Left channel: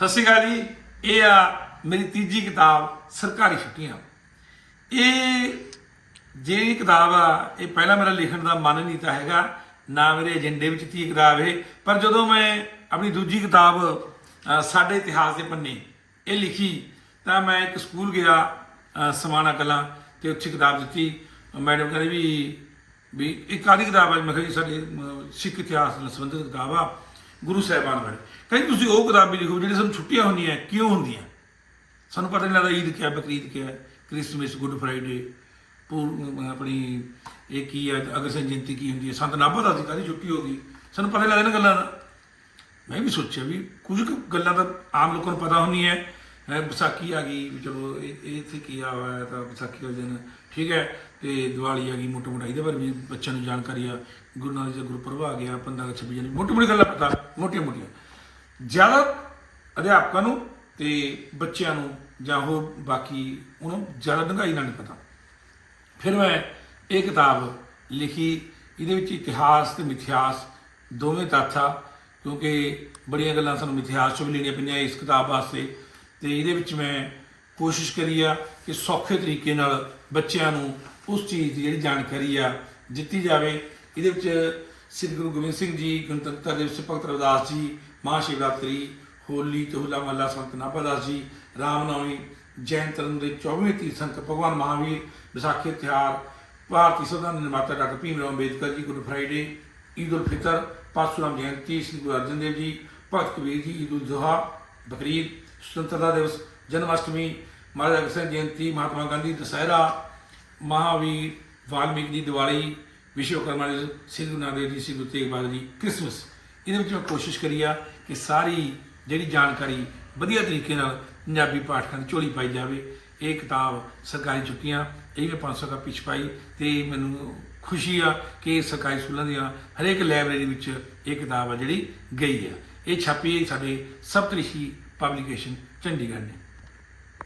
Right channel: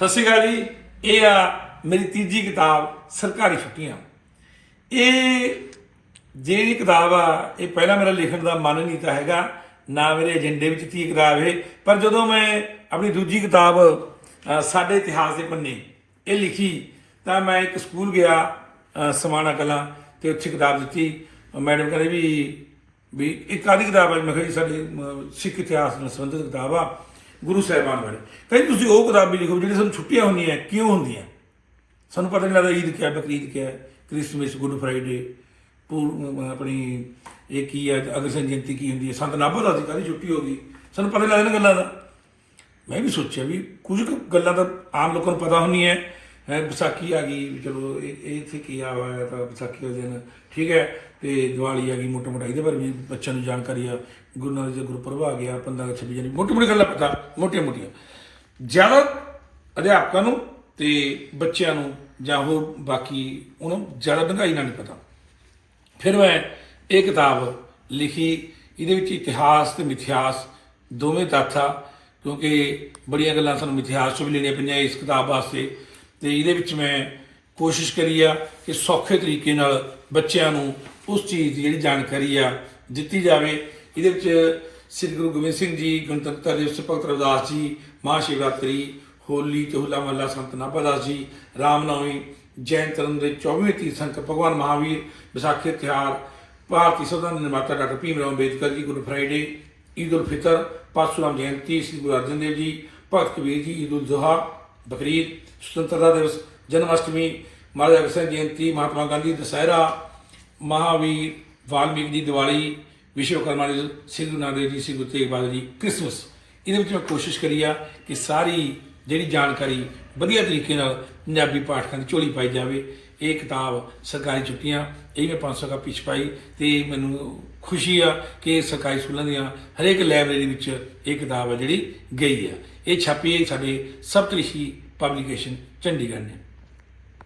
ਸਤਿ ਸ਼੍ਰੀ ਅਕਾਲ ਜੀ। ਇਹ ਆ ਮੇਰੀ ਤੀਜੀ ਕਿਤਾਬ, ਸਰਕਾਰੀ ਛੁੱਟੀਆਂ। ਇਹ ਜਿਹੜੀ ਕਿਤਾਬ ਆ, ਇਹ ਪਹਿਲਾਂ ਮੇਰਾ ਲਿਖਣ ਦਾ ਮਨ ਨਹੀਂ ਤਾਂ ਹੈਗਾ, ਨਾ ਮੇਰੇ ਏਜੰਡੇ ਵਿੱਚ ਤੀ ਕਿਤਾਬ ਇਹ, ਪਰ ਜਦੋਂ ਮੈਂ ਆਪਣੀ ਦੂਜੀ ਕਿਤਾਬ ਸਾਡੇ ਇਤਿਹਾਸ ਦੇ ਪੰਨੇ, ਇਹ ਲਿਖੀ, ਤਾਂ ਮੈਂ ਇੱਕ ਸਕੂਲ ਗਿਆ ਸਮਾਣਾ ਕਲਾਂ, ਤੇ ਉੱਥੇ ਕਿਤਾਬ ਦਿੱਤੀ। ਮੈਡਮ ਕਹਿੰਦੇ ਵੀ ਵੀ ਇੱਕ ਆਦੀ ਕਿਤਾਬ ਹੈ ਮੈਂ ਕਿਹਾ ਜੀ, ਸਾਡੇ ਸਿੱਖ ਇਤਿਹਾਸ ਨਾਲ ਸੰਬੰਧਿਤ ਕਿਤਾਬ ਆ। ਗੁਰੂ ਸਾਹਿਬਾਨ ਬਾਰੇ। ਕਹਿੰਦੇ ਤੁਸੀਂ ਉਹ ਕਿਤਾਬ ਵੀ ਲਿਖੋ ਜਿਹੜੀ ਸਾਨੂੰ ਛੁੱਟੀਆਂ ਹੁੰਦੀਆਂ ਕਿਉਂ ਹੁੰਦੀਆਂ? ਸਾਨੂੰ ਪਤਾ ਨਹੀਂ ਲੱਗਦਾ ਈਦ ਕਿਆ ਬਕਰੀਦ ਕਿਆ ਹੈ, ਕ੍ਰਿਸਮਸ ਗੁੱਡ ਫਰਾਈਡੇ ਪੂਰ ਆਪਣੀ ਇਹ ਕੀ ਹੈ ਅਗਰਸੈਨ ਜਯੰਤੀ ਕੀ ਹੁੰਦੀ ਹੈ ਸੰਤ ਨਾਭਾ ਦਾ ਸੀ ਕਾਹਦੀ ਛੁੱਟੀ ਹੋ ਗਈ। ਸਾਨੂੰ ਪਤਾ ਨਹੀਂ ਲੱਗਦਾ ਇਹਨਾਂ ਗੱਲਾਂ ਦਾ। ਮੈਂ ਵੀ ਸੋਚਿਆ ਵੀ ਕੁਝ ਕੁ ਗੱਲਾਂ ਤਾਂ ਆਮ ਲੋਕਾਂ ਨੂੰ ਪਤਾ ਹੁੰਦੀਆਂ। ਹੈ ਵਿਸਾਖੀ ਆ ਗਈ ਵੀ ਚਲੋ ਇਹ ਇਹ ਇੱਥੇ ਕੀ ਆਵਾ ਹੋਇਆ ਤਾਂ ਵਿਸਾਖੀ ਵਾਲੇ ਦਿਨ। ਠੀਕ ਹੈ ਤੇ ਦੀਵਾਲੀ ਆ ਗਈ ਮੋਟਾ ਮੋਟਾ ਇਹਦੇ ਬਾਰੇ ਵੀ ਬੱਚਿਆਂ ਨੂੰ ਜਾਣਕਾਰੀ ਆ। ਗੁਰੂ ਨਾਨਕ ਦਾ ਗੁਰਪੁਰਬ ਆ ਗਿਆ 15 26 ਜਨਵਰੀ ਮੋਟੀ ਮੋਟੀ ਗੱਲਾਂ ਪਤਾ ਮੋਟੀਆਂ ਮੋਟੀਆਂ ਜ਼ਿਆਦਾ ਅਧਿਆਪਕਾਂ ਨੂੰ ਤੇ ਬੱਚਿਆਂ ਨੂੰ ਜਾਂ ਹੋਰ ਬਾਕੀ ਉਹਨੂੰ ਜ਼ਿਆਦਾ ਡੂੰਘਾਈ ਨਾਲ ਨਹੀਂ ਪਤਾ। ਫਿਰ ਮੈਂ ਇਹ ਕਿਤਾਬ ਲਿਖੀ, ਇਹਦੇ ਵਿੱਚ ਇਤਿਹਾਸ ਤੇ ਮਿਥਿਹਾਸ, ਦੋਵੇਂ ਤੱਥ ਆ, ਕਿਉਂਕਿ ਬੜੀਆਂ ਗੱਲਾਂ ਸਾਨੂੰ ਮਿਥਿਹਾਸ ਤੋਂ ਵੀ ਲੈਣੀਆਂ ਪਈਆਂ ਇਸ ਕਿਤਾਬ ਵਾਸਤੇ। ਤੇ ਇਹਦੇ ਵਿੱਚ ਮੈਂ ਕੋਸ਼ਿਸ਼ ਕਰੀ ਆ ਕਿ ਸੌਖੇ ਤਰੀਕੇ ਨਾਲ ਬੱਚਿਆਂ ਨੂੰ ਉਸ ਚੀਜ਼ ਦੀ ਜਿਹੜੀ ਜਾਣਕਾਰੀ ਆ, ਦਿੱਤੀ ਜਾਵੇ। ਇਹਦੇ ਵਿੱਚ ਸ੍ਰੀ ਗੁਰੂ ਗੋਬਿੰਦ ਸਿੰਘ ਜੀ, ਗਣਤੰਤਰ ਦਿਵਸ ਭਗਤ ਰਵਿਦਾਸ ਜੀ, ਮਹਾਸ਼ਿਵਰਾਤਰੀ, ਹੋਲੀ ਤੇ ਹੋਲਾ ਮਹੱਲਾ ਸੰਤ ਨਾਭਾਦਾਸ ਜੀ ਰਾਮਨਵਮੀ ਜੈਨ ਧਰਮ ਦੇ 24ਵੇਂ ਸੰਤ ਭਗਵਾਨ ਮਹਾਵੀਰ, ਵਿਸਾਖੀ ਤਿਉਹਾਰ, ਭਾਰਤੀ ਸੰਵਿਧਾਨ ਨਿਰਮਾਤਾ doctor Bhim Rao Ambedkar ji good Friday, Eid ul Fitr, Parshuram Jayanti, ਸ੍ਰੀ ਗੁਰੂ ਅਰਜਨ ਦੇਵ ਜੀ, ਭਗਤ ਕਬੀਰ ਜੀ, ਈਦ ਉਲ ਜ਼ੁਹਾ, ਬਕਰੀਦ, ਸੁਤੰਤਰਤਾ ਦਿਵਸ ਜਨਮ ਅਸ਼ਟਮੀ ਮਹਾਰਾਜਾ ਸਿੰਘ ਜਯੰਤੀ, ਮਹਾਤਮਾ ਗਾਂਧੀ, ਦੁਸਹਿਰਾ, ਮਹਾਵੀਰ, ਵਾਲਮੀਕ ਜੀ, ਦੀਵਾਲੀ ਵਿਸ਼ਵਕਰਮਾ ਜੀ ਸ੍ਰੀ ਗੁਰੂ ਨਾਨਕ ਦੇਵ ਜੀ ਸ੍ਰੀ ਗੁਰੂ ਤੇਗ ਬਹਾਦਰ ਜੀ ਕ੍ਰਿਸਮਸ ਇਹਦੇ ਵਿੱਚ ਮੈਂ ਕੋਸ਼ਿਸ਼ ਕਰੀ ਆ ਕਿ ਸਾਰੀ ਜਿਹੜੀ ਜਾਣਕਾਰੀ ਵਧੀਆ ਤਰੀਕੇ ਨਾਲ ਪੰਜਾਬੀ ਪਾਠਕਾਂ ਦੀ ਝੋਲੀ ਪਾਈ ਜਾਵੇ ਇਹ ਕਿਤਾਬ ਸਰਕਾਰੀ ਛੁੱਟੀਆਂ ਇਹ ਮੈਂ 500 ਕਾਪੀ ਛਪਾਈ ਤੇ ਮੈਨੂੰ ਖੁਸ਼ੀ ਆ ਕਿ ਸਰਕਾਰੀ ਸਕੂਲਾਂ ਦੀਆਂ ਹਰੇਕ ਲਾਇਬ੍ਰੇਰੀ ਵਿੱਚ ਇਹ ਕਿਤਾਬ ਆ ਜਿਹੜੀ ਗਈ ਆ ਇਹ ਛਾਪੀ ਹੈ ਸਾਡੇ ਸਪਤਰਿਸ਼ੀ ਪਬਲੀਕੇਸ਼ਨ ਚੰਡੀਗੜ੍ਹ ਨੇ